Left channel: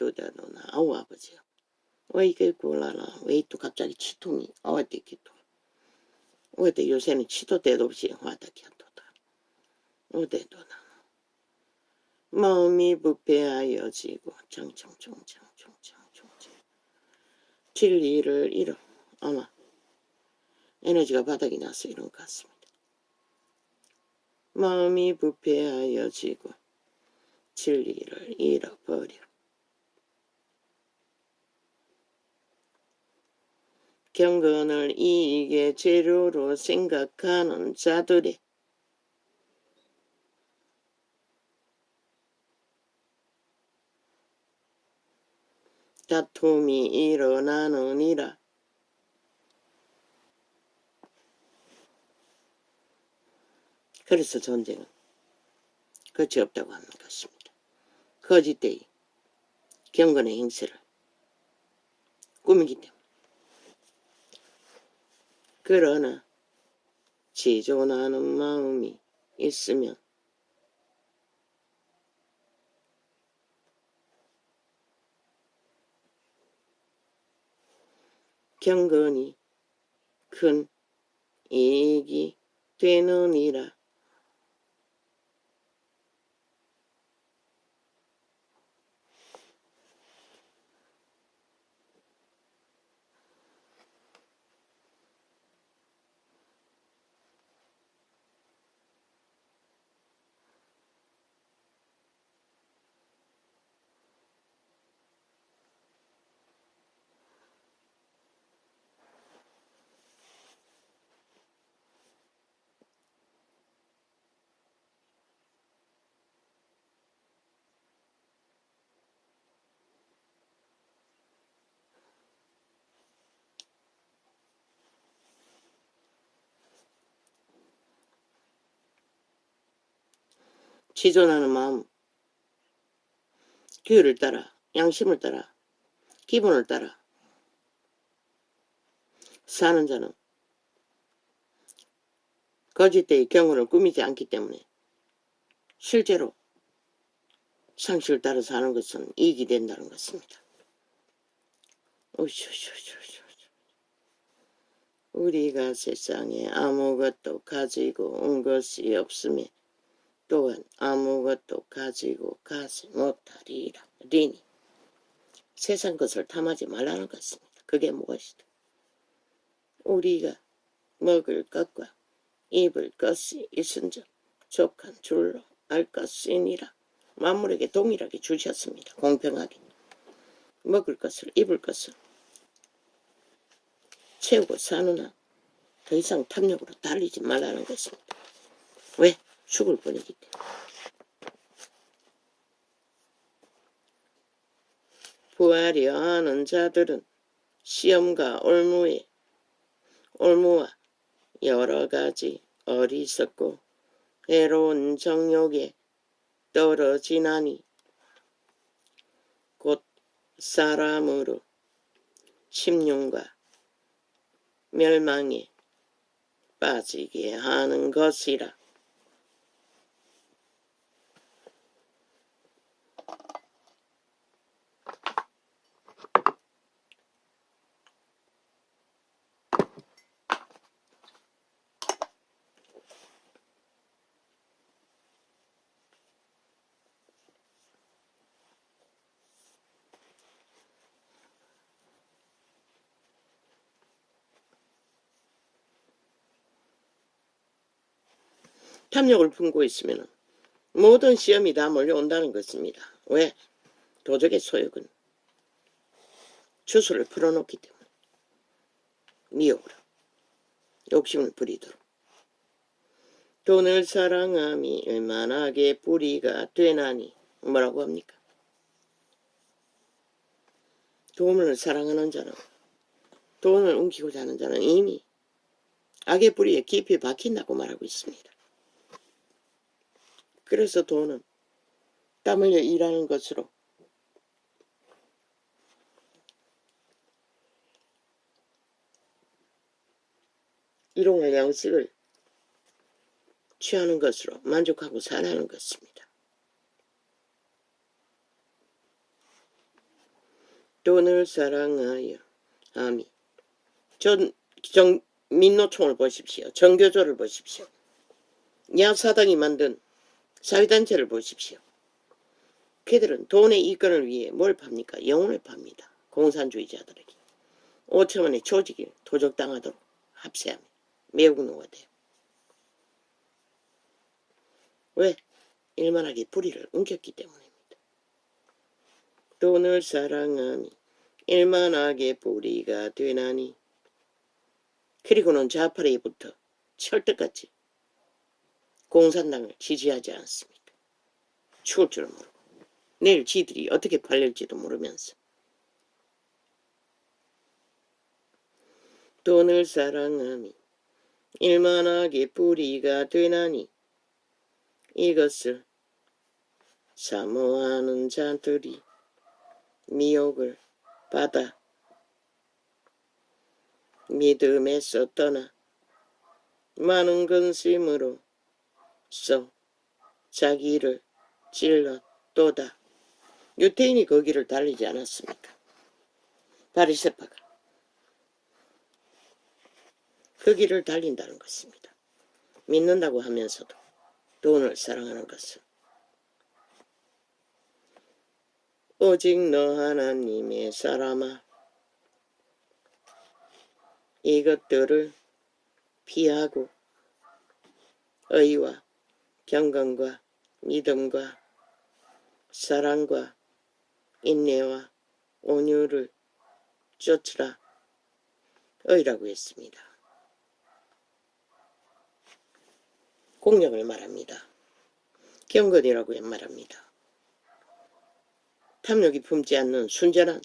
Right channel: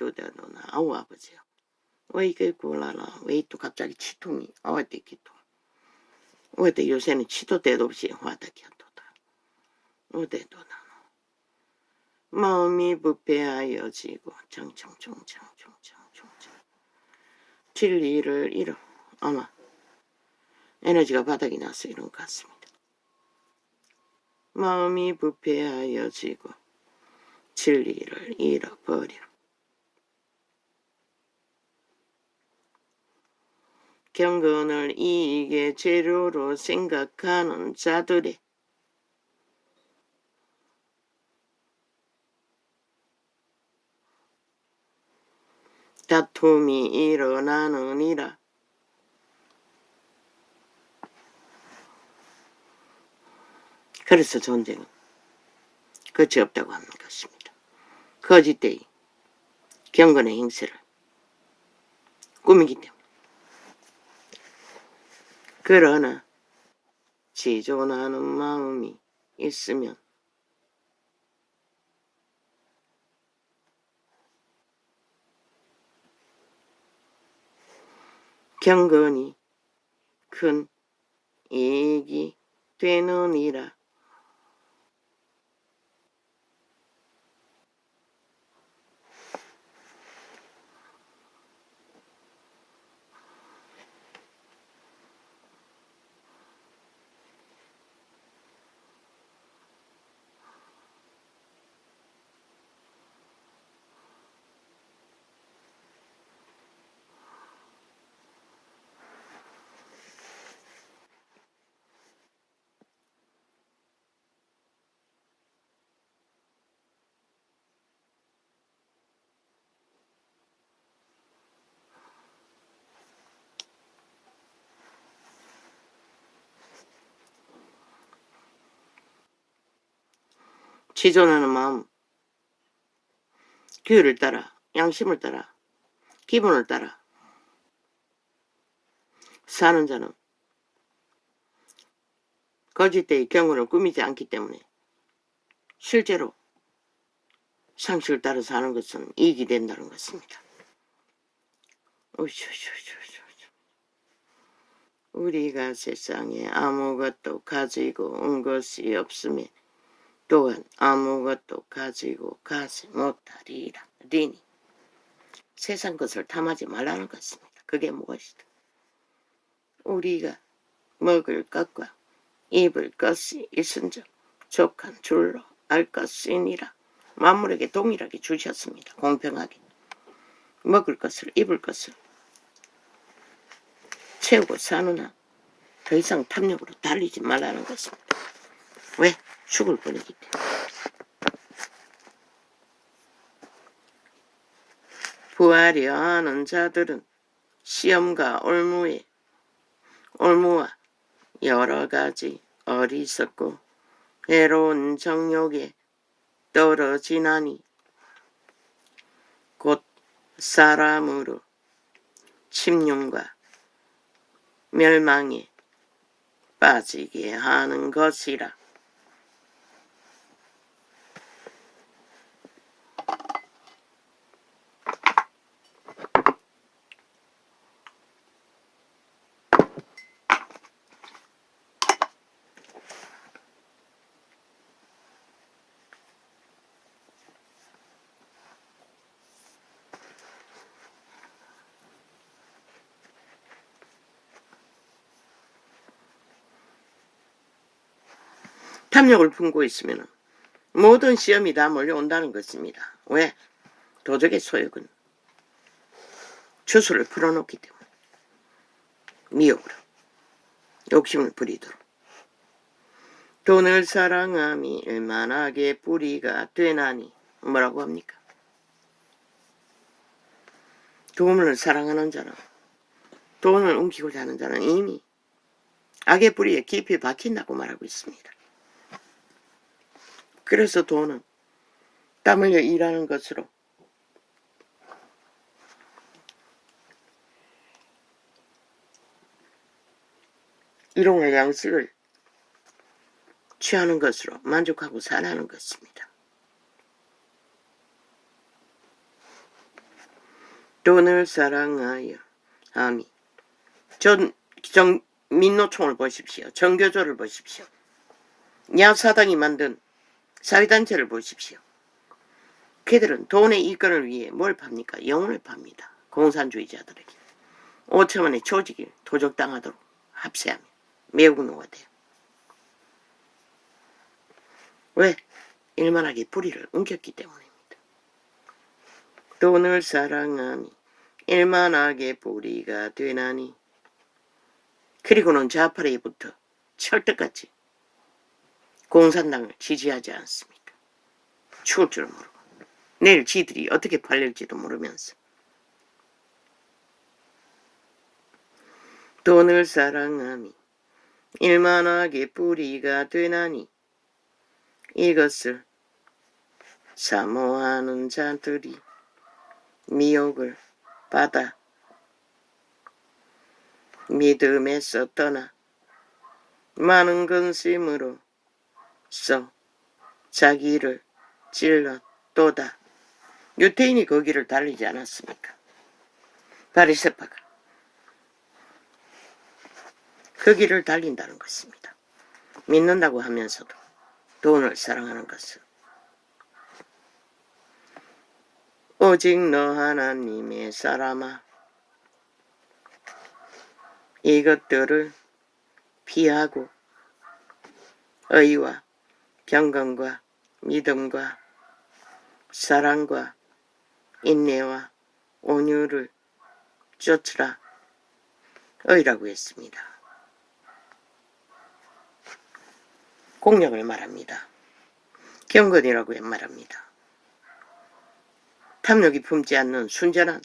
도대노나 아우 아버지요. 왜 이게 꼴라나 왜 또 갑자기 치통이 어디기 또 어디 요새는 치도 때도 없이 화다기야 또다 어디도 나노 마음이 부패하여지고 청청청청청청청청 진리를 잃어 아마 에너지가 바닥이 나서 이런 것 같습니다. 마음이 부패하여지고 진리를 잃어버려 경건을 이익의 재료로 생각하는 자들의 다툼이 일어나느니라. 그래서 전쟁은 끝이 없다고 하는 것입니다. 거짓되이 경건의 행세를 꾸미기 때문에. 그러나 지존하는 마음이 있으면 경건이 큰 이익이 되느니라. 지존하는 마음, 규율을 따라, 양심을 따라, 기본을 따라 사는 자는 거짓되이 경우를 꾸미지 않기 때문에 실제로 상식을 따라 사는 것은 이익이 된다는 것입니다. 우리가 세상에 아무것도 가지고 온 것이 없음에 또한 아무것도 가지고 가지 못하리라. 리니 세상 것을 탐하지 말라는 것입니다. 그게 무엇이다. 우리가 먹을 것과 입을 것이 있은즉 족한 줄로 알 것이니라. 만물에게 동일하게 주셨습니다. 공평하게 먹을 것을 입을 것을 채우고 사는 한 더 이상 탐욕으로 달리지 말라는 것입니다. 왜? 죽을 뿐이기 때문에. 부하려 하는 자들은 시험과 올무와 여러 가지 어리석고 해로운 정욕에 떨어지나니 곧 사람으로 침륜과 멸망에 빠지게 하는 것이라. 탐욕을 품고 있으면 모든 시험이 다 몰려온다는 것입니다. 왜? 도적의 소욕은 주술을 풀어놓기 때문에 미혹으로 욕심을 부리도록. 돈을 사랑함이 일만하게 뿌리가 되나니 뭐라고 합니까? 돈을 사랑하는 자는 돈을 옮기고자 하는 자는 이미 악의 뿌리에 깊이 박힌다고 말하고 있습니다. 그래서 돈은 땀 흘려 일하는 것으로 일용할 양식을 취하는 것으로 만족하고 살아가는 것입니다. 돈을 사랑하여. 아미. 민노총을 보십시오. 정교조를 보십시오. 야사당이 만든 사회단체를 보십시오. 그들은 돈의 이권을 위해 뭘 팝니까? 영혼을 팝니다. 공산주의자들에게. 5천원의 조직을 도적당하도록 합세하며 매우 노화돼요. 왜? 일만하게 불의를 옮겼기 때문입니다. 돈을 사랑하니 일만하게 불의가 되나니. 그리고는 좌파레부터 철떡같이 공산당을 지지하지 않습니까? 죽을 줄 모르고 내일 지들이 어떻게 팔릴지도 모르면서. 돈을 사랑하니 일만하게 불의가 되나니 이것을 사모하는 자들이 미혹을 받아 믿음에서 떠나 많은 근심으로 써 자기를 찔렀도다. 유태인이 거기를 달리지 않았습니까? 바리새파가 그 길을 달린다는 것입니다. 믿는다고 하면서도 돈을 사랑하는 것은. 오직 너 하나님의 사람아, 이것들을 피하고 의와 경건과 믿음과 사랑과 인내와 온유를 쫓으라. 의라고 했습니다. 공력을 말합니다. 경건이라고 말합니다. 탐욕이 품지 않는 순전한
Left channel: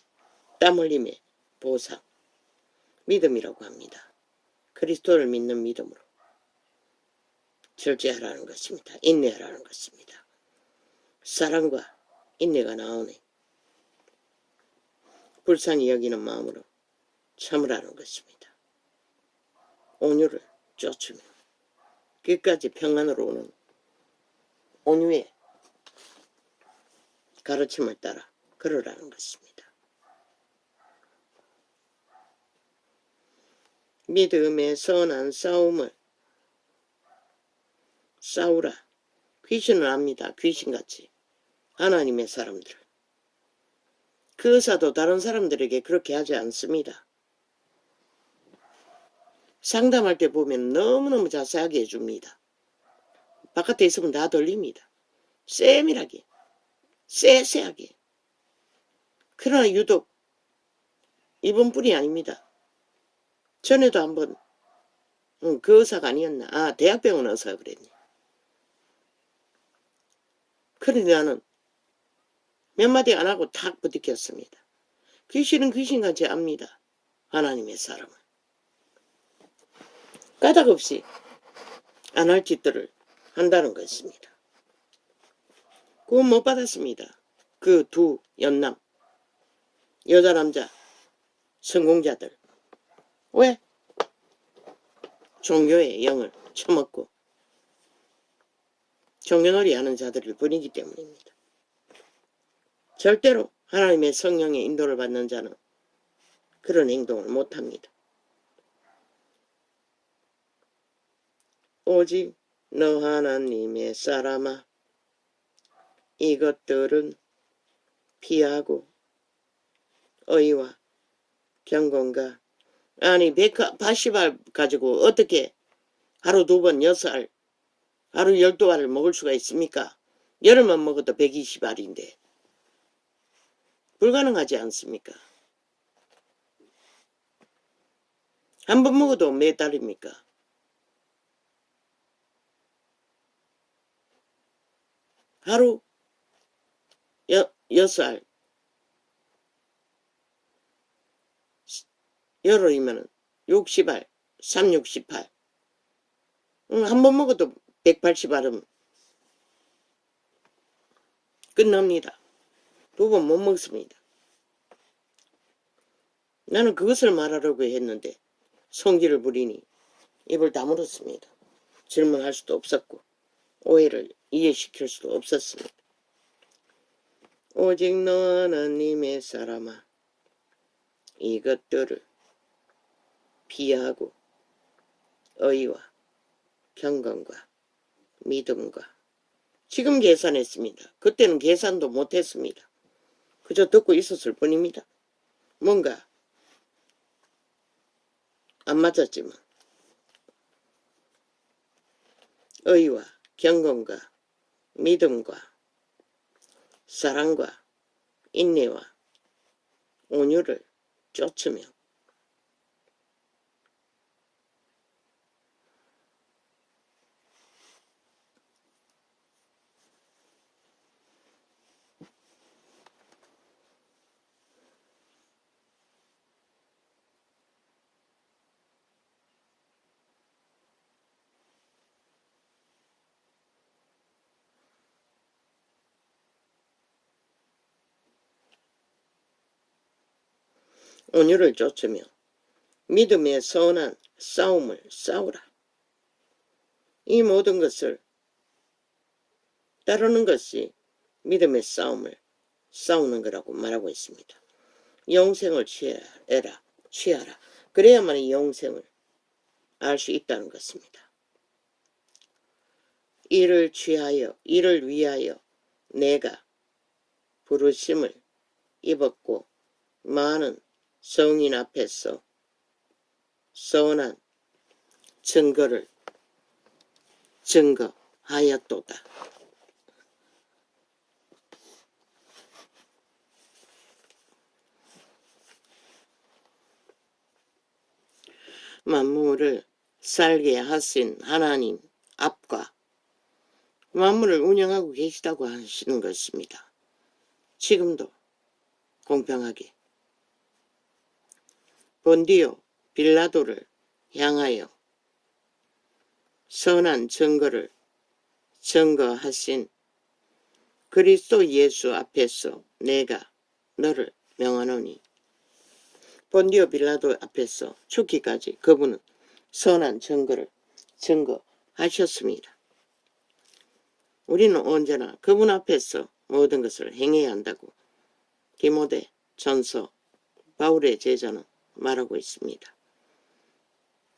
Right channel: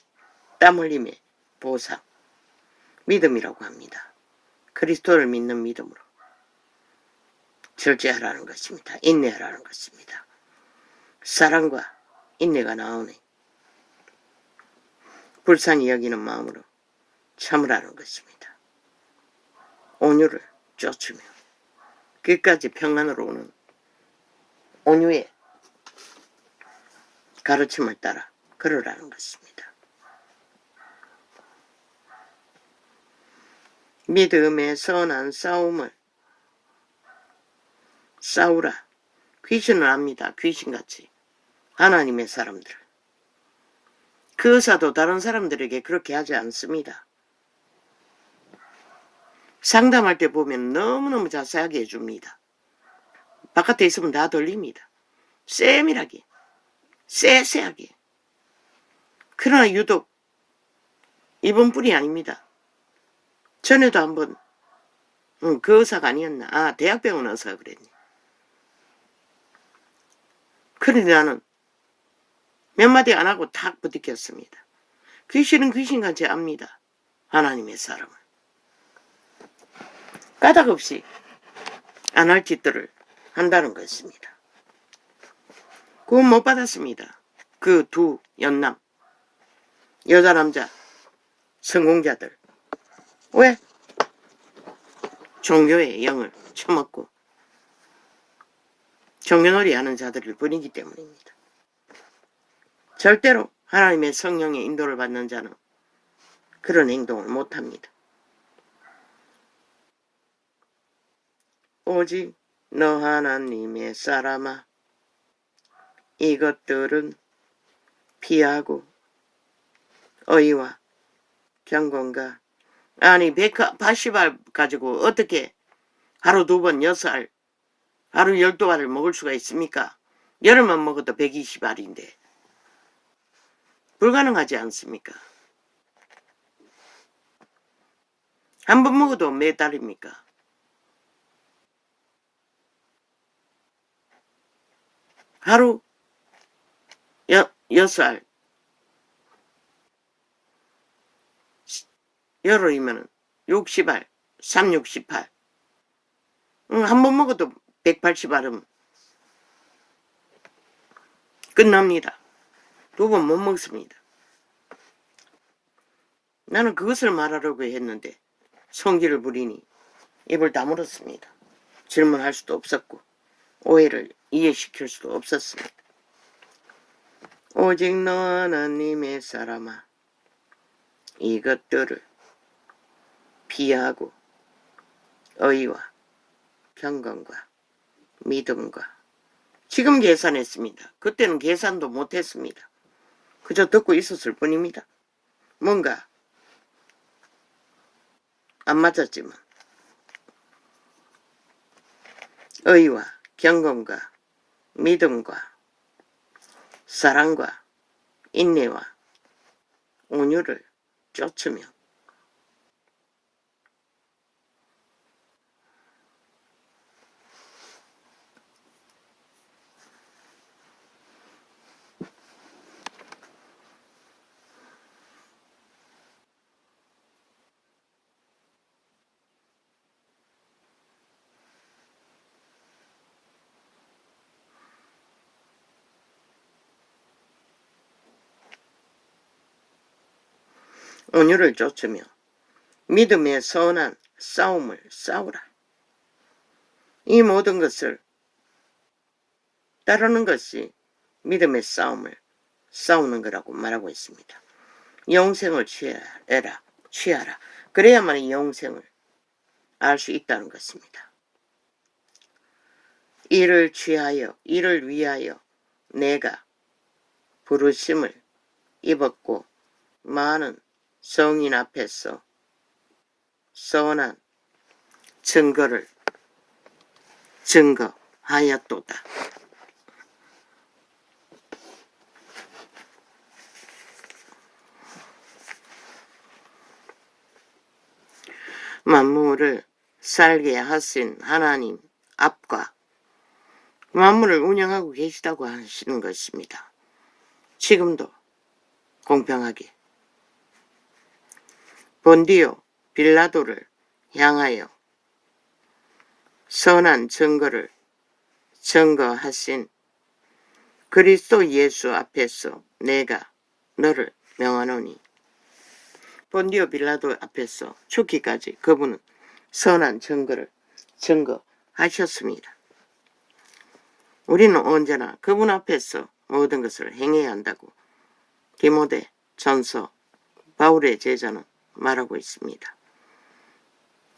땀 흘림의 보상, 믿음이라고 합니다. 그리스도를 믿는 믿음으로 절제하라는 것입니다. 인내하라는 것입니다. 사랑과 인내가 나오네. 불쌍히 여기는 마음으로 참으라는 것입니다. 온유를 쫓으며 끝까지 평안으로 오는 온유의 가르침을 따라 걸으라는 것입니다. 믿음의 선한 싸움을 싸우라. 귀신을 압니다. 귀신같이. 하나님의 사람들. 그 의사도 다른 사람들에게 그렇게 하지 않습니다. 상담할 때 보면 너무너무 자세하게 해줍니다. 바깥에 있으면 다 들립니다. 세밀하게, 세세하게. 그러나 유독 이번뿐이 아닙니다. 전에도 한번 그 의사가 아니었나. 아, 대학병원 의사가 그랬네. 그런데 나는 몇 마디 안 하고 탁 부딪혔습니다. 귀신은 귀신같이 압니다. 하나님의 사람을. 까닭없이 안 할 짓들을 한다는 것입니다. 구원 못 받았습니다. 그 두 연남, 여자 남자 성공자들. 왜? 종교의 영을 처먹고 종교놀이 하는 자들을 뿐이기 때문입니다. 절대로 하나님의 성령의 인도를 받는 자는 그런 행동을 못합니다. 오직 너 하나님의 사람아, 이것들은 피하고 의와 경건과. 아니 180알 가지고 어떻게 하루 2번 6알, 하루 12알을 먹을 수가 있습니까? 열흘만 먹어도 120알인데 불가능하지 않습니까? 한 번 먹어도 몇 달입니까? 하루 6알, 열흘이면 60알, 368. 한 번 먹어도 180알은 끝납니다. 2번 못 먹습니다. 나는 그것을 말하려고 했는데 성질을 부리니 입을 다물었습니다. 질문할 수도 없었고 오해를 이해시킬 수도 없었습니다. 오직 너 하나님의 사람아, 이것들을 피하고 의와 경건과 믿음과 지금 계산했습니다. 그때는 계산도 못했습니다. 그저 듣고 있었을 뿐입니다. 뭔가 안 맞았지만 의와 경건과 믿음과 사랑과 인내와 온유를 쫓으며 온유를 쫓으며 믿음의 선한 싸움을 싸우라. 이 모든 것을 따르는 것이 믿음의 싸움을 싸우는 거라고 말하고 있습니다. 영생을 취하라. 그래야만 영생을 알 수 있다는 것입니다. 이를 취하여 이를 위하여 내가 부르심을 입었고 많은 성인 앞에서 선한 증거를 증거하였도다. 만물을 살게 하신 하나님 앞과 만물을 운영하고 계시다고 하시는 것입니다. 지금도 공평하게 본디오 빌라도를 향하여 선한 증거를 증거하신 그리스도 예수 앞에서 내가 너를 명하노니 본디오 빌라도 앞에서 죽기까지 그분은 선한 증거를 증거하셨습니다. 우리는 언제나 그분 앞에서 모든 것을 행해야 한다고 디모데 전서 바울의 제자는 말하고 있습니다.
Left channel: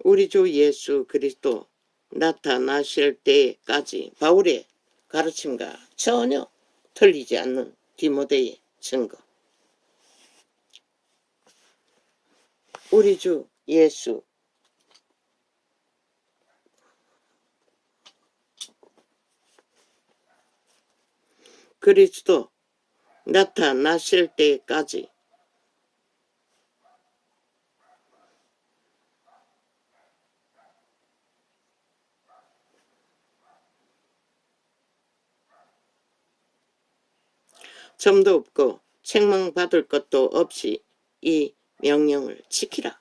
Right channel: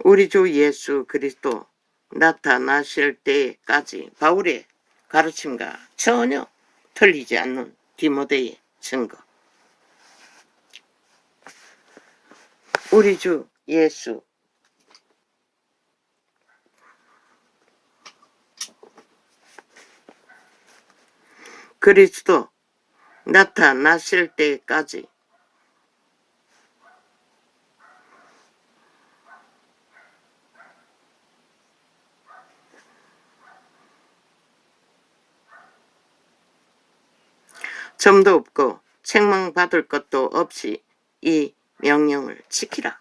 우리 주 예수 그리스도 나타나실 때까지 바울의 가르침과 전혀 틀리지 않는 디모데의 증거. 우리 주 예수 그리스도 나타나실 때까지 점도 없고 책망받을 것도 없이 이 명령을 지키라.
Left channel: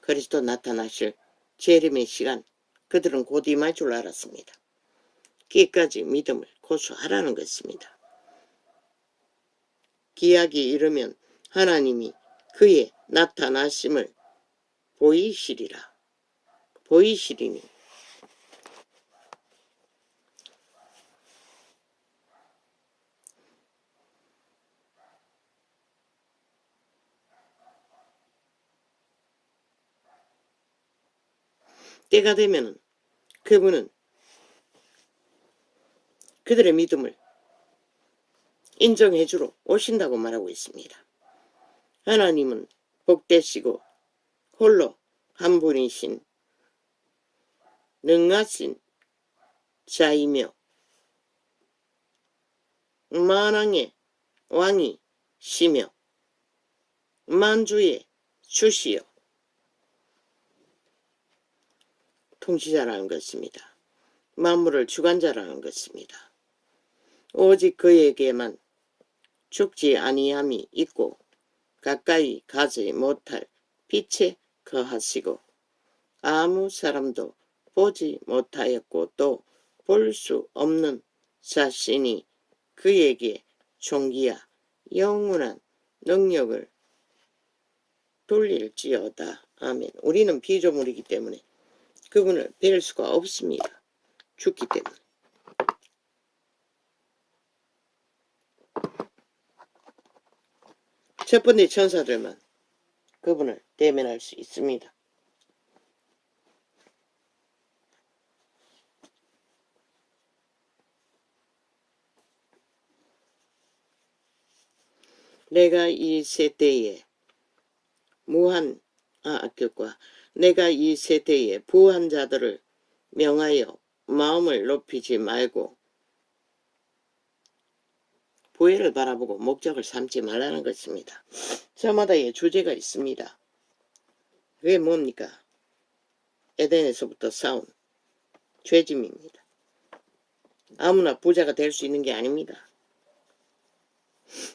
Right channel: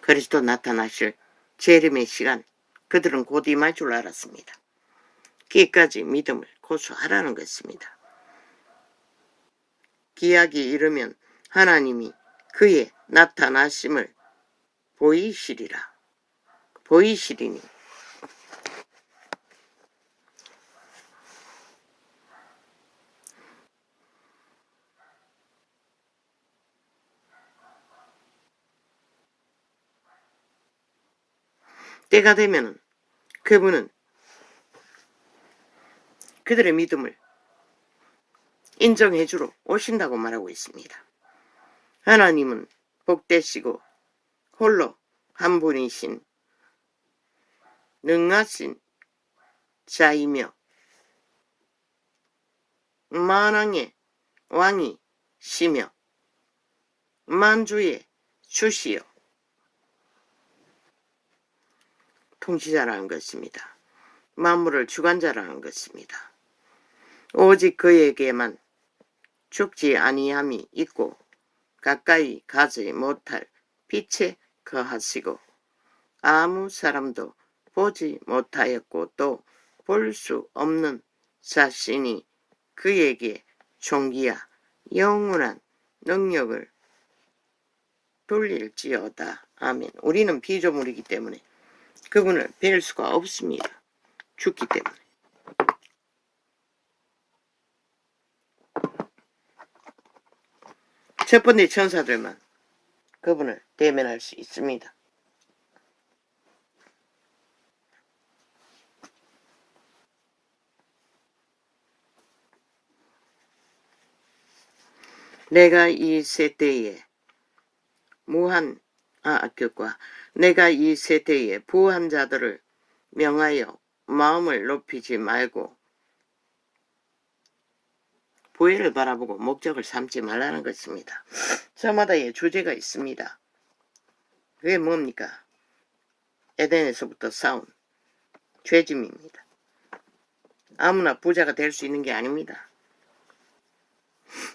그리스도 나타나실 재림의 시간 그들은 곧 임할 줄 알았습니다. 기까지 믿음을 고수하라는 것입니다. 기약이 이르면 하나님이 그의 나타나심을 보이시리니 때가 되면 그분은 그들의 믿음을 인정해주러 오신다고 말하고 있습니다. 하나님은 복되시고 홀로 한 분이신 능하신 자이며 만왕의 왕이시며 만주의 주시여 통치자라는 것입니다. 만물을 주관자라는 것입니다. 오직 그에게만 죽지 아니함이 있고 가까이 가지 못할 빛에 거하시고 아무 사람도 보지 못하였고 또 볼 수 없는 자신이 그에게 존귀와 영원한 능력을 돌릴지어다. 아멘. 우리는 피조물이기 때문에 그분을 뵐 수가 없습니다. 죽기 때문에. 첫 번째 천사들만 그분을 대면할 수 있습니다. 내가 이 세대에 내가 이 세대에 부한 자들을 명하여 마음을 높이지 말고 부해를 바라보고 목적을 삼지 말라는 것입니다. 저마다의 주제가 있습니다. 그게 뭡니까? 에덴에서부터 싸운 죄짐입니다. 아무나 부자가 될 수 있는 게 아닙니다.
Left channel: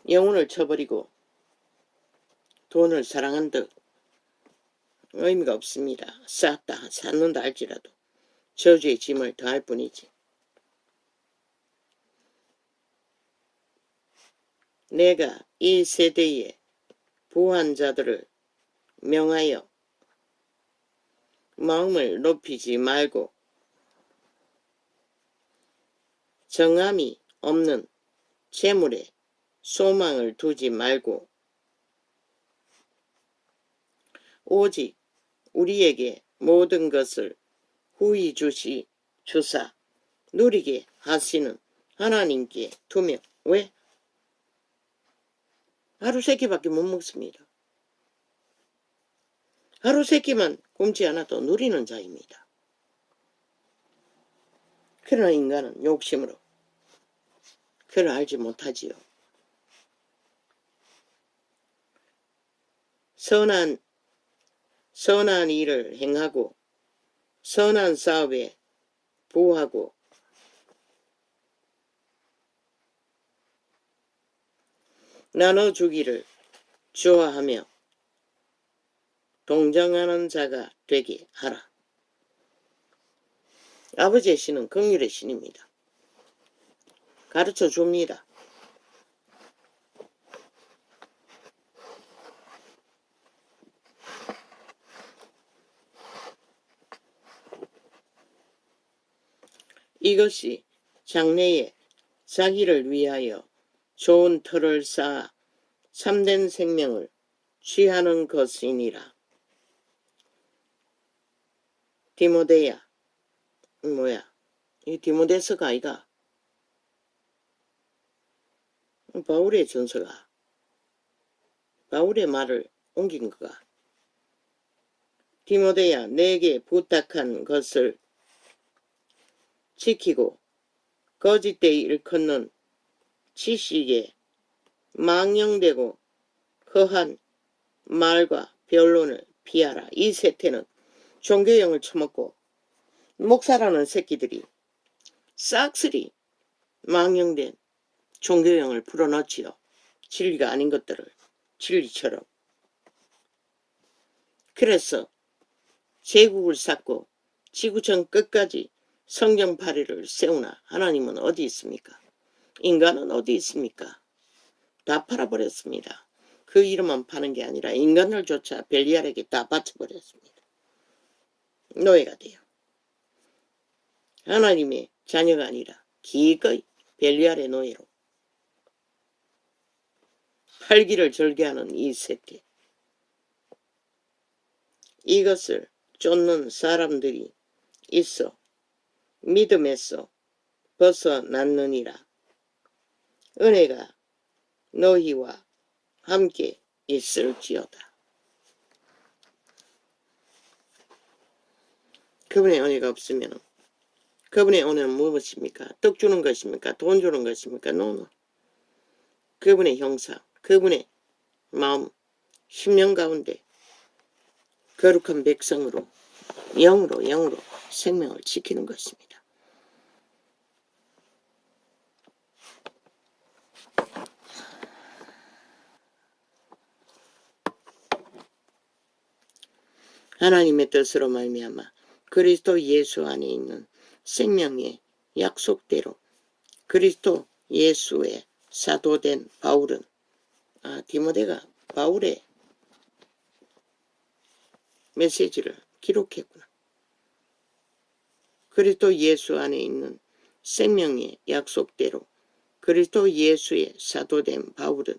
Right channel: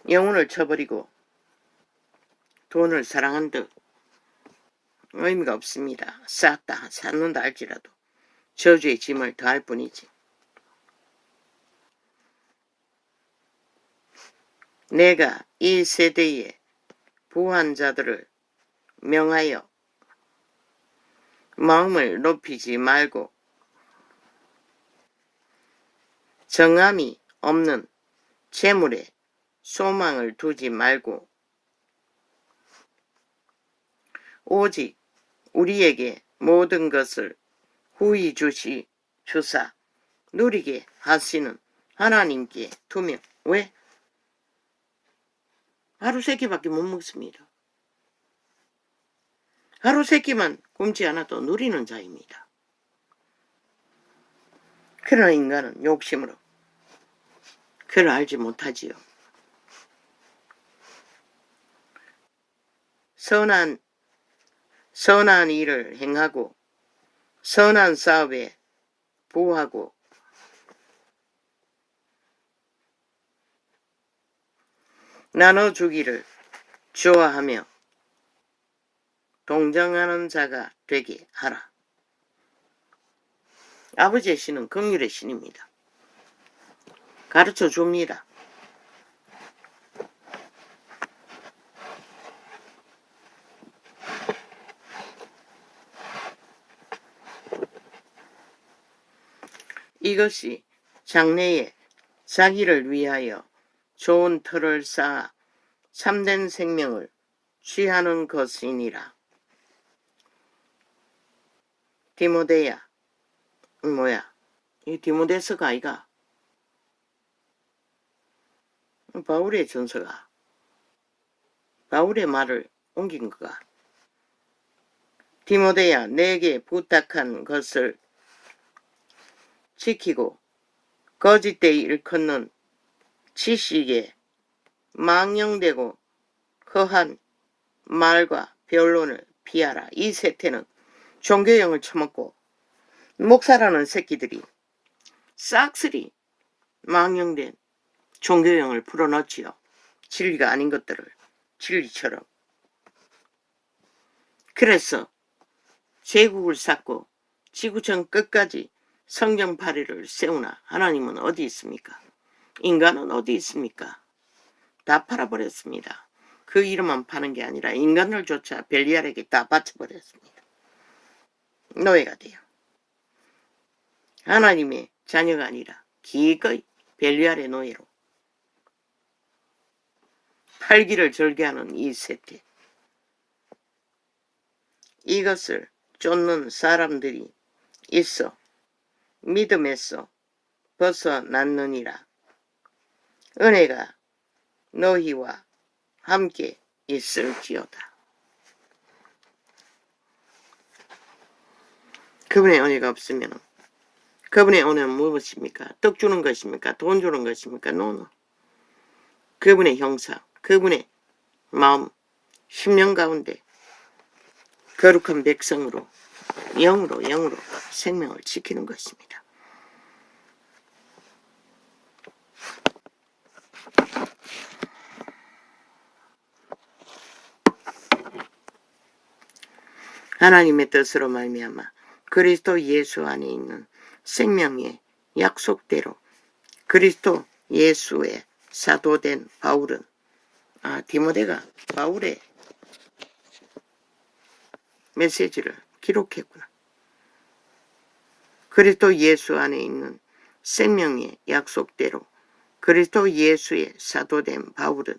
영혼을 쳐버리고 돈을 사랑한듯 의미가 없습니다. 쌓는다 할지라도 저주의 짐을 더할 뿐이지. 내가 이 세대에 부한 자들을 명하여 마음을 높이지 말고 정함이 없는 재물에 소망을 두지 말고 오직 우리에게 모든 것을 후히 주사 누리게 하시는 하나님께 두며. 왜? 하루 3끼밖에 못 먹습니다. 하루 3끼만 굶지 않아도 누리는 자입니다. 그러나 인간은 욕심으로 그를 알지 못하지요. 선한 일을 행하고 선한 사업에 부하고 나눠주기를 좋아하며 동정하는 자가 되게 하라. 아버지의 신은 긍휼의 신입니다. 가르쳐 줍니다. 이것이 장래에 자기를 위하여 좋은 터를 쌓아 참된 생명을 취하는 것이니라. 디모데야, 이 디모데서가 아이가? 바울의 전서가 바울의 말을 옮긴 거가. 디모데야, 내게 부탁한 것을 지키고 거짓되이 일컫는 지식에 망령되고 허한 말과 변론을 피하라. 이 세태는 종교형을 처먹고 목사라는 새끼들이 싹쓸이 망령된 종교형을 풀어넣지요. 진리가 아닌 것들을 진리처럼. 그래서 제국을 쌓고 지구촌 끝까지 성경파리를 세우나 하나님은 어디 있습니까? 인간은 어디 있습니까? 다 팔아버렸습니다. 그 이름만 파는 게 아니라 인간을조차 벨리알에게 다 바쳐버렸습니다. 노예가 돼요. 하나님의 자녀가 아니라 기꺼이 벨리알의 노예로 팔기를 절개하는 이 세태. 이것을 쫓는 사람들이 있어 믿음에서 벗어났느니라. 은혜가 너희와 함께 있을지어다. 그분의 은혜가 없으면 그분의 은혜는 무엇입니까? 떡 주는 것입니까? 돈 주는 것입니까? 노노. 그분의 형상, 그분의 마음, 심령 가운데 거룩한 백성으로 영으로 생명을 지키는 것입니다. 하나님의 뜻으로 말미암아 그리스도 예수 안에 있는 생명의 약속대로 그리스도 예수의 사도된 바울은 디모데가 바울의 메시지를 기록했구나. 그리스도 예수 안에 있는 생명의 약속대로 그리스도 예수의 사도된 바울은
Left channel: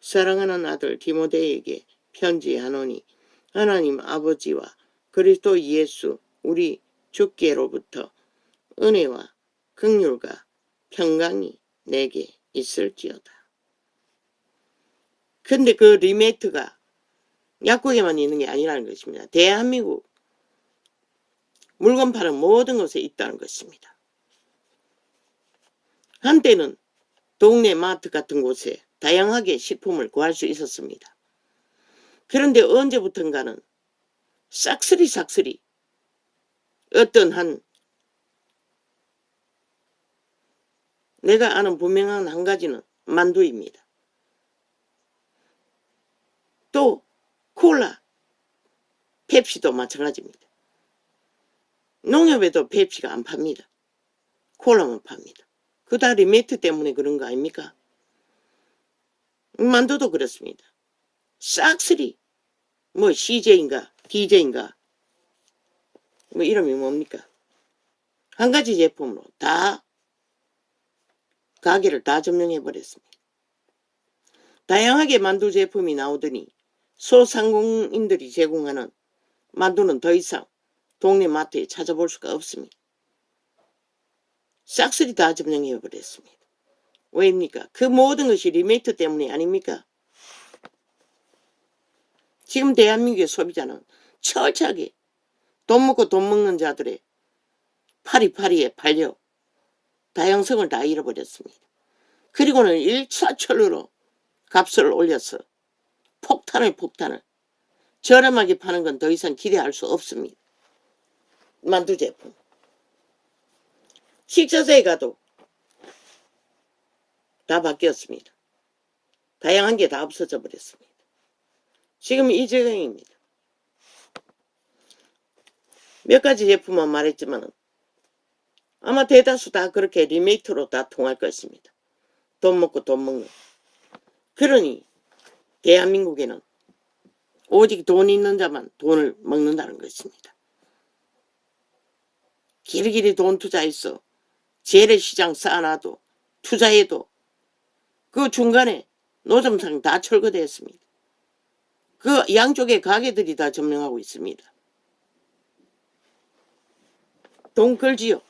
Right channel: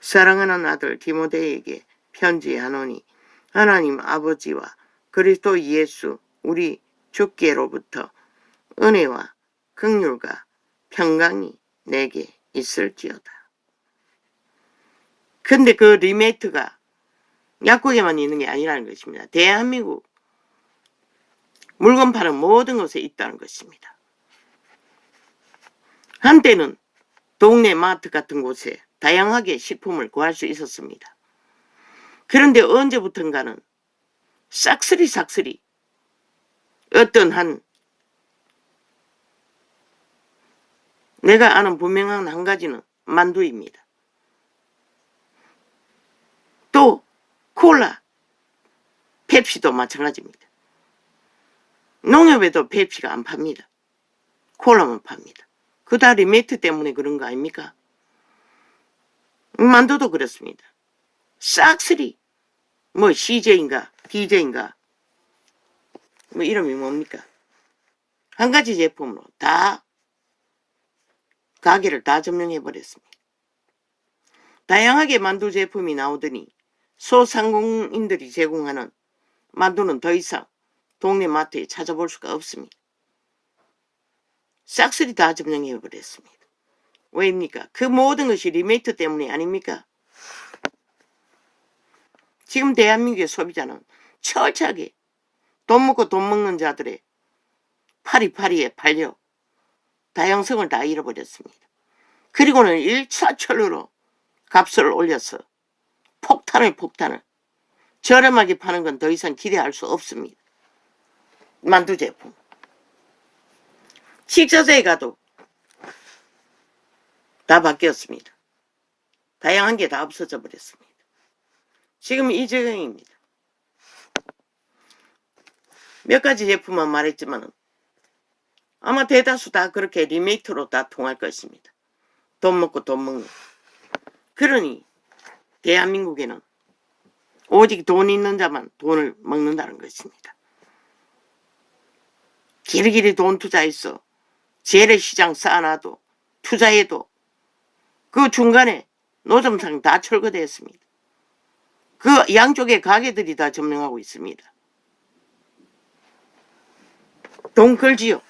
사랑하는 아들 디모데에게 편지하노니 하나님 아버지와 그리스도 예수 우리 주께로부터 은혜와 긍휼과 평강이 내게 있을지어다. 근데 그 리메이트가 약국에만 있는 게 아니라는 것입니다. 대한민국 물건 파는 모든 곳에 있다는 것입니다. 한때는 동네 마트 같은 곳에 다양하게 식품을 구할 수 있었습니다. 그런데 언제부턴가는 싹쓸이 어떤 한 내가 아는 분명한 한 가지는 만두입니다. 또 콜라, 펩시도 마찬가지입니다. 농협에도 펩시가 안 팝니다. 콜라만 팝니다. 그 다 리메이트 때문에 그런 거 아닙니까? 만두도 그렇습니다. 싹쓸이 뭐 CJ인가 DJ인가 뭐 이름이 뭡니까? 한 가지 제품으로 다 가게를 다 점령해버렸습니다. 다양하게 만두 제품이 나오더니 소상공인들이 제공하는 만두는 더 이상 동네 마트에 찾아볼 수가 없습니다. 싹쓸이 다 점령해버렸습니다. 왜입니까? 그 모든 것이 리메이트 때문이 아닙니까? 지금 대한민국의 소비자는 철저하게 돈 먹고 돈 먹는 자들의 파리파리에 팔려 다양성을 다 잃어버렸습니다. 그리고는 1차철로 값을 올려서 폭탄을 저렴하게 파는 건 더 이상 기대할 수 없습니다. 만두 제품. 식자재에 가도 다 바뀌었습니다. 다양한 게 다 없어져 버렸습니다. 지금 이 지경입니다. 몇 가지 제품만 말했지만 아마 대다수 다 그렇게 리메이트로 다 통할 것입니다. 돈 먹고 돈 먹는. 그러니 대한민국에는 오직 돈 있는 자만 돈을 먹는다는 것입니다. 길이길이 돈 투자해서 재래시장 쌓아놔도 투자해도 그 중간에 노점상 다 철거되었습니다. 그 양쪽의 가게들이 다 점령하고 있습니다. 돈 걸지요.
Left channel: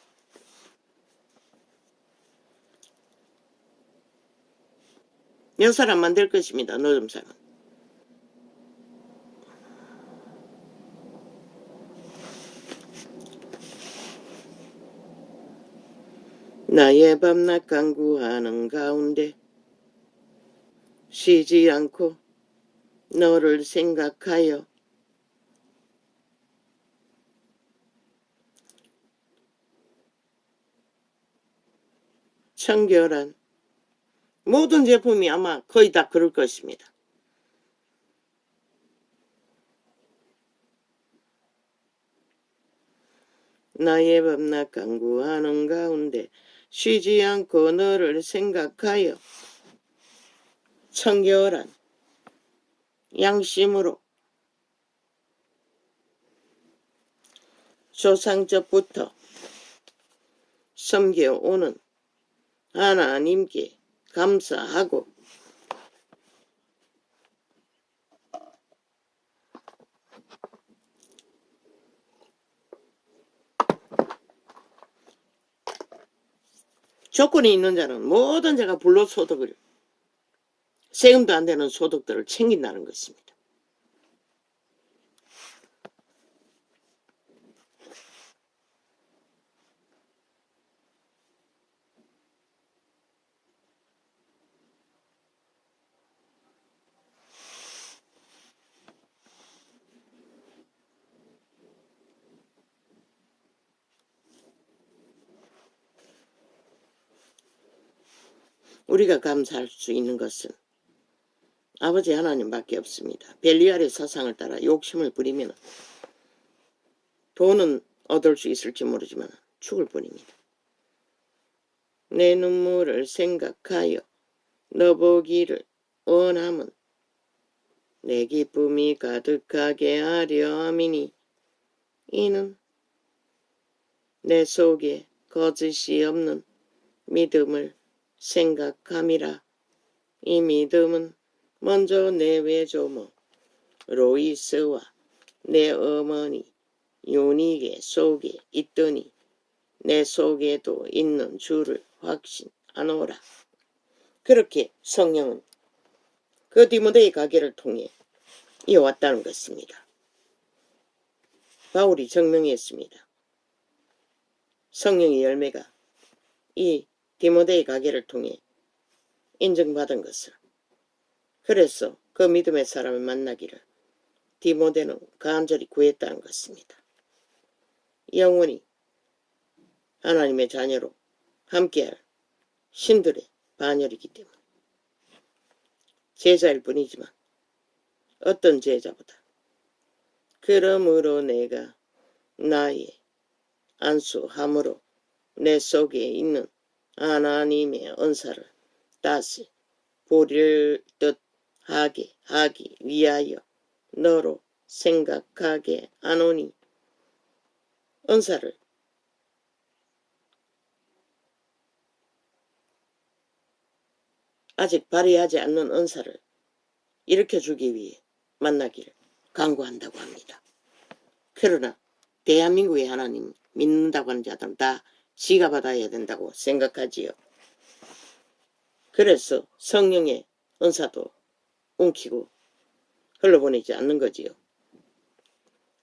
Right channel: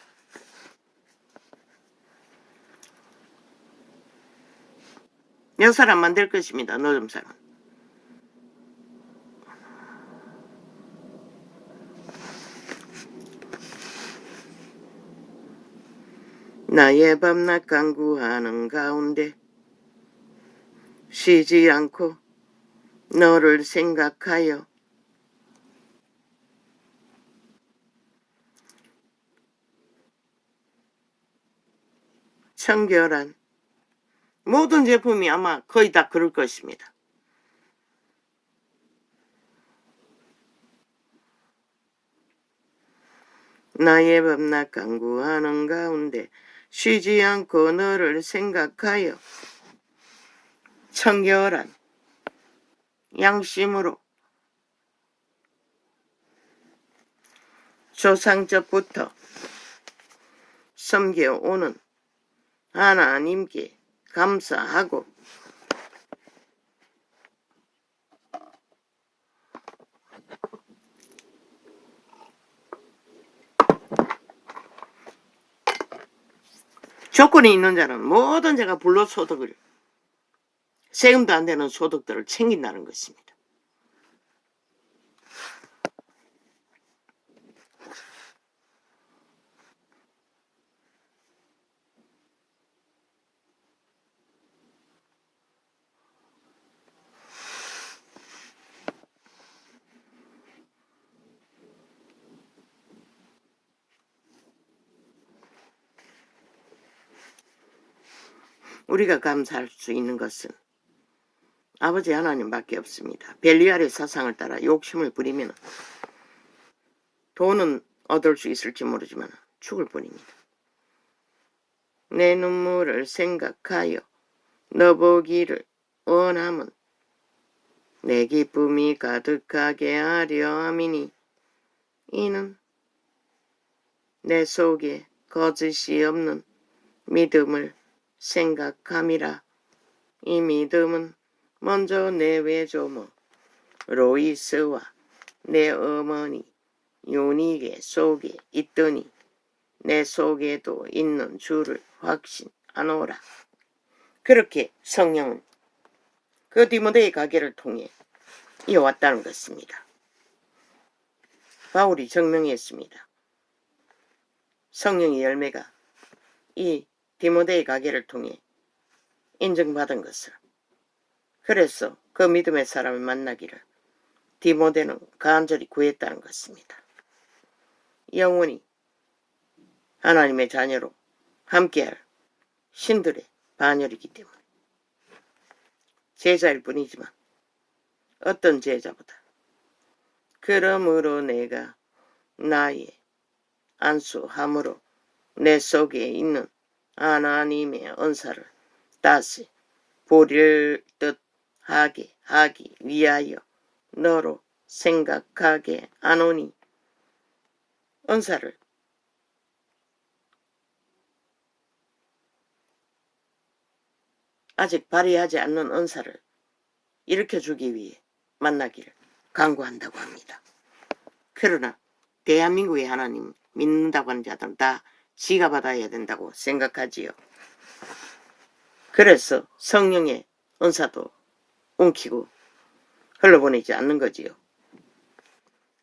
몇 사람 만들 것입니다. 노점상은. 나의 밤낮 간구하는 가운데 쉬지 않고 너를 생각하여 청결한 모든 제품이 아마 거의 다 그럴 것입니다. 나의 밤낮 간구하는 가운데 쉬지 않고 너를 생각하여 청결한 양심으로 조상적부터 섬겨오는 하나님께 감사하고 조건이 있는 자는 모든 자가 불로소득을 세금도 안 되는 소득들을 챙긴다는 것입니다. 우리가 감사할 수 있는 것은 아버지 하나님밖에 없습니다. 벨리알의 사상을 따라 욕심을 부리면 돈은 얻을 수 있을지 모르지만 죽을 뿐입니다. 내 눈물을 생각하여 너 보기를 원함은 내 기쁨이 가득하게 하려 함이니 이는 내 속에 거짓이 없는 믿음을 생각함이라. 이 믿음은 먼저 내 외조모 로이스와 내 어머니 요니게 속에 있더니 내 속에도 있는 줄을 확신하노라. 그렇게 성령은 그 디모데의 가게를 통해 이어왔다는 것입니다. 바울이 증명했습니다. 성령의 열매가 이 디모데의 가게를 통해 인정받은 것을. 그래서 그 믿음의 사람을 만나기를 디모데는 간절히 구했다는 것입니다. 영원히 하나님의 자녀로 함께할 신들의 반열이기 때문에 제자일 뿐이지만 어떤 제자보다 그러므로 내가 나의 안수함으로 내 속에 있는 하나님의 은사를 다시 보릴 듯 하게 하기 위하여 너로 생각하게 하노니 은사를 아직 발휘하지 않는 은사를 일으켜주기 위해 만나기를 간구한다고 합니다. 그러나 대한민국의 하나님 믿는다고 하는 자들은 다 지가 받아야 된다고 생각하지요. 그래서 성령의 은사도 엉키고 흘러보내지 않는 거지요.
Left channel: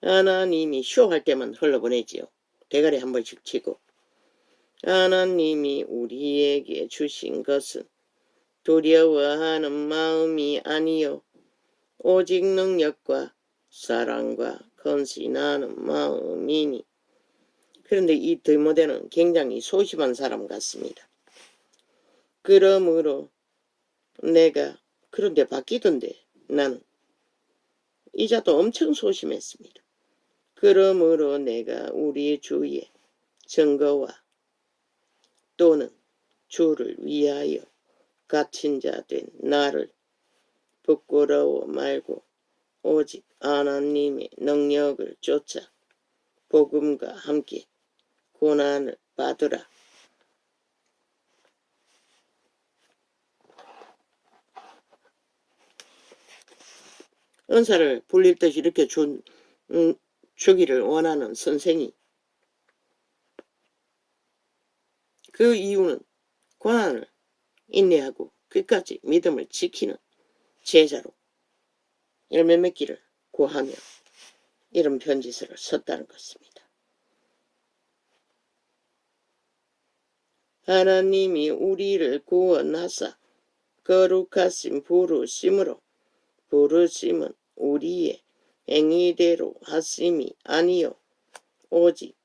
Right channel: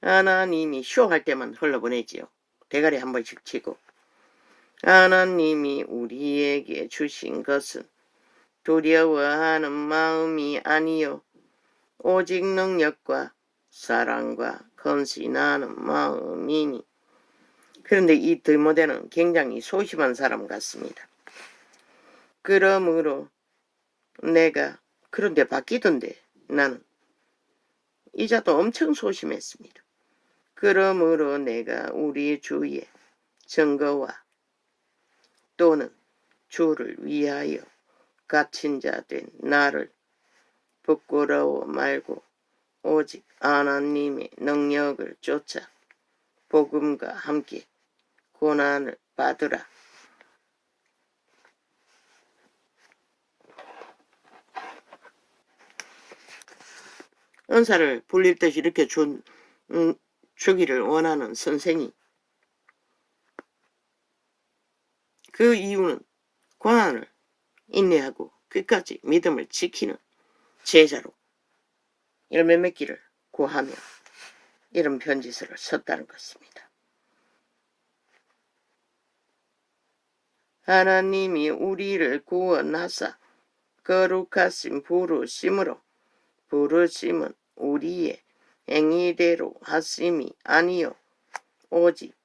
하나님이 쇼할 때만 흘러보내지요. 대가리 한 번씩 치고. 하나님이 우리에게 주신 것은 두려워하는 마음이 아니요 오직 능력과 사랑과 헌신하는 마음이니. 그런데 이 디모데는 굉장히 소심한 사람 같습니다. 그러므로 내가 그런데 바뀌던데 나는 이자도 엄청 소심했습니다. 그러므로 내가 우리 주의 증거와 또는 주를 위하여 갇힌 자 된 나를 부끄러워 말고 오직 하나님의 능력을 쫓아 복음과 함께 고난을 받으라. 은사를 불릴 듯이 이렇게 주기를 원하는 선생이 그 이유는 고난을 인내하고 끝까지 믿음을 지키는 제자로 열매 맺기를 구하며 이런 편지서를 썼다는 것입니다. 하나님이 우리를 구원하사 거룩하신 부르심은 우리의 행위대로 하심이 아니요 오직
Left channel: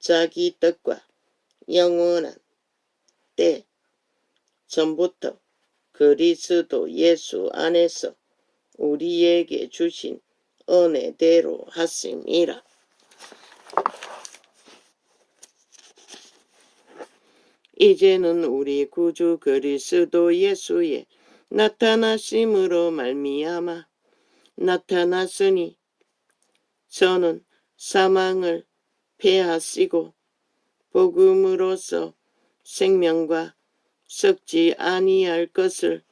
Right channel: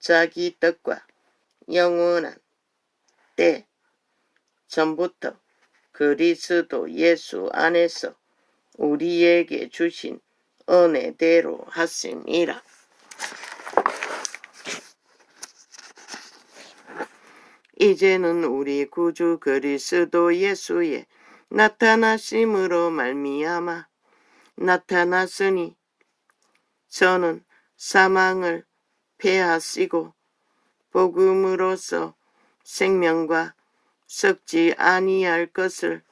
자기 뜻과 영원한 때 전부터 그리스도 예수 안에서 우리에게 주신 은혜대로 하심이라. 이제는 우리 구주 그리스도 예수의 나타나심으로 말미암아 나타났으니 저는 사망을 패하시고 복음으로써 생명과 썩지 아니할 것을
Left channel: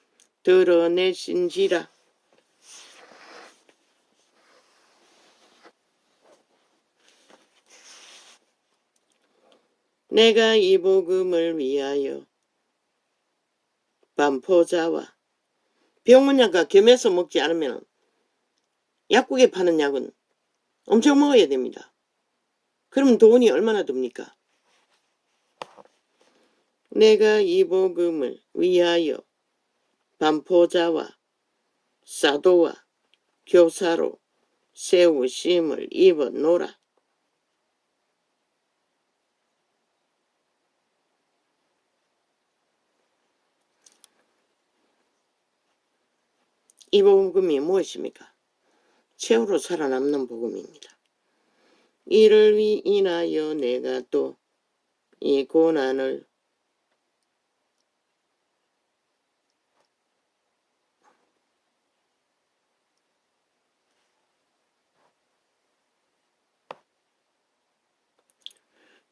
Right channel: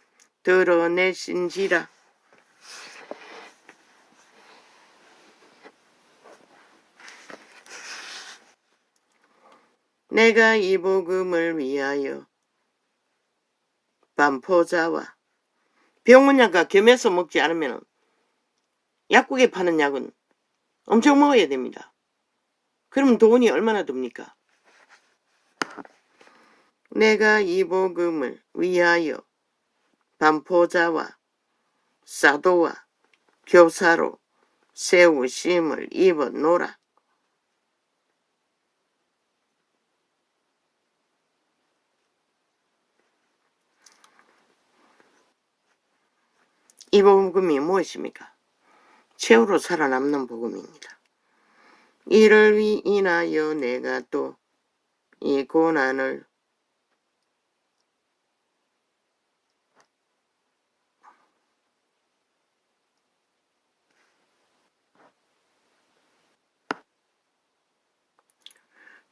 드러내신지라. 내가 이 복음을 위하여 반포자와 병원약과 겸해서 먹지 않으면 약국에 파는 약은 엄청 먹어야 됩니다. 그럼 돈이 얼마나 듭니까? 내가 이 복음을 위하여 반포자와 사도와 교사로 세우심을 입어노라. 이 복음이 무엇입니까? 최후로 살아남는 복음입니다. 이를 인하여 내가 또 이 고난을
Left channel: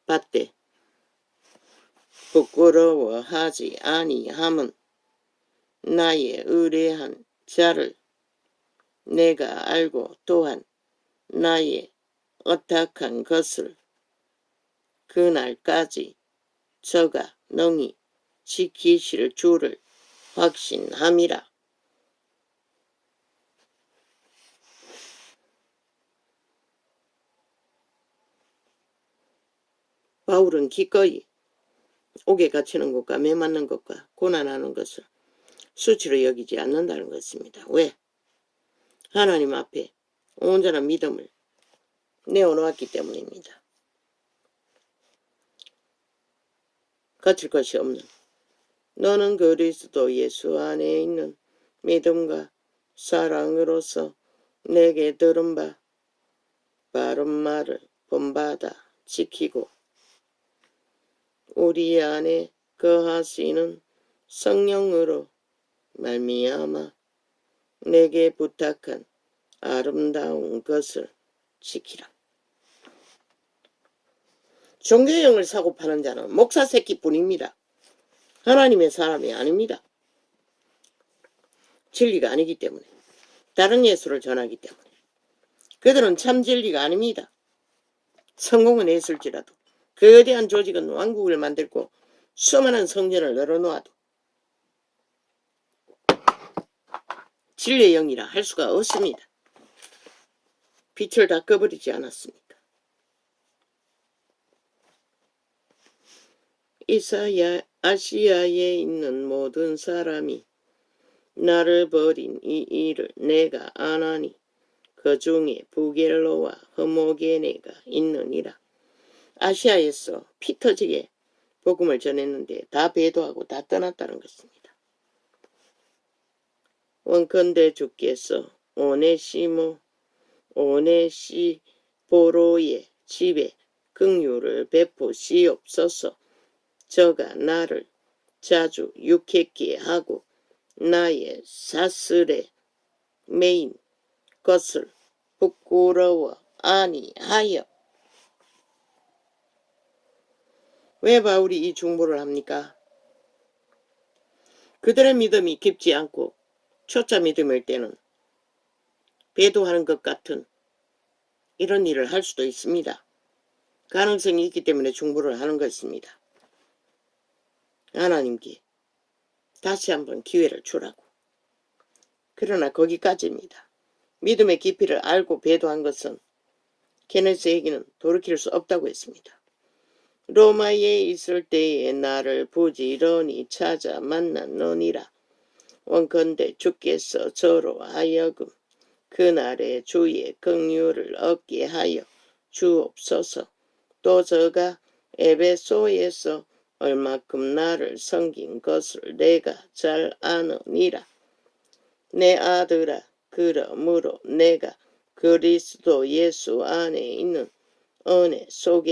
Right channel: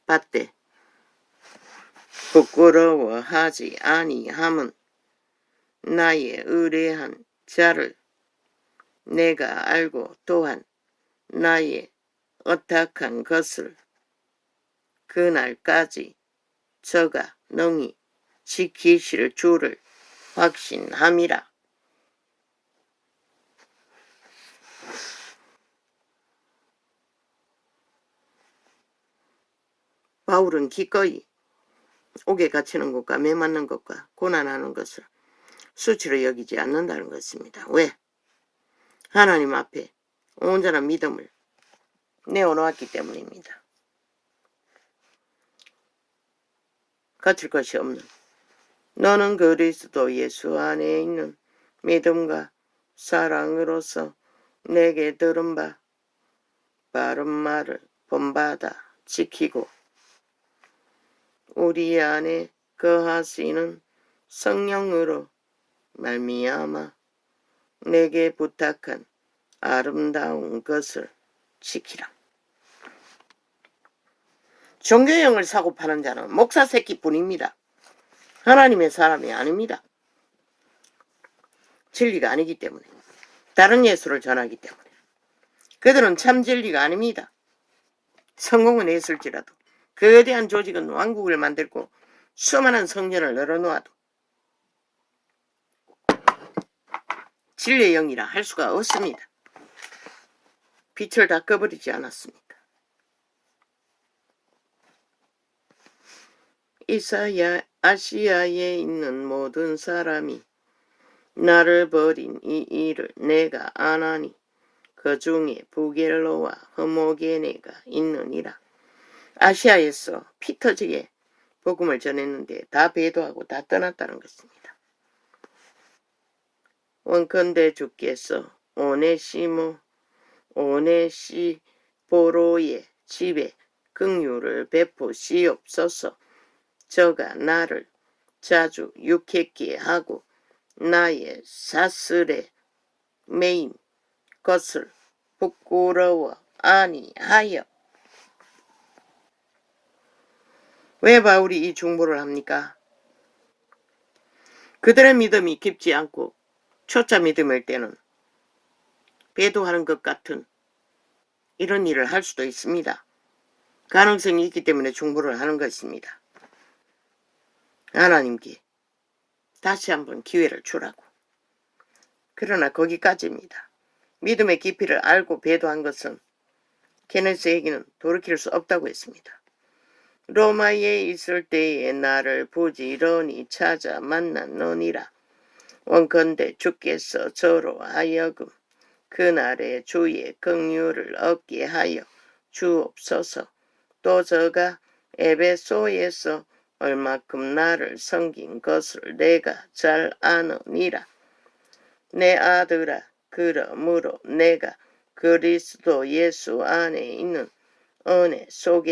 받되 부끄러워하지 아니함은 나의 의뢰한 자를 내가 알고 또한 나의 어떡한 것을 그날까지 저가 능히 지키실 줄을 확신함이라. 바울은 기꺼이 옥에 갇히는 것과 매 맞는 것과 고난하는 것을 수치로 여기지 않는다는 것입니다. 왜? 하나님 앞에 온전한 믿음을 내어놓았기 때문입니다. 거칠 것이 없는 너는 그리스도 예수 안에 있는 믿음과 사랑으로서 내게 들은 바 바른 말을 본받아 지키고 우리 안에 거하시는 성령으로 말미암아 내게 부탁한 아름다운 것을 지키라. 종교형을 사고 파는 자는 목사 새끼뿐입니다. 하나님의 사람이 아닙니다. 진리가 아니기 때문에, 다른 예수를 전하기 때문에. 그들은 참 진리가 아닙니다. 성공은 했을지라도 거대한 조직은 왕국을 만들고 수많은 성전을 늘어놓아도 진리의 영이라 할 수가 없습니다. 빛을 다 꺼버리지 않았습니다. 아시아에 있는 모든 사람이 나를 버린 이 일을 내가 아나니 그 중에 부겔로와 허모게네가 있느니라. 아시아에서 피 터지게 복음을 전했는데 다 배도하고 다 떠났다는 것입니다. 원컨대 주께서 오네시보로의 집에 긍휼을 베푸시옵소서. 저가 나를 자주 유쾌케 하고 나의 사슬에 매인 것을 부끄러워 아니하여. 왜 바울이 이 중보를 합니까? 그들의 믿음이 깊지 않고 초짜 믿음일 때는 배도하는 것 같은 이런 일을 할 수도 있습니다. 가능성이 있기 때문에 중보를 하는 것입니다. 하나님께 다시 한번 기회를 주라고. 그러나 거기까지입니다. 믿음의 깊이를 알고 배도한 것은 케네스에게는 돌이킬 수 없다고 했습니다. 로마에 있을 때에 나를 부지런히 찾아 만났느니라. 원컨대 주께서 저로 하여금 그날에 주의 긍휼을 얻게 하여 주옵소서. 또 저가 에베소에서 얼마큼 나를 섬긴 것을 내가 잘 아느니라. 내 아들아, 그러므로 내가 그리스도 예수 안에 있는 은혜 속에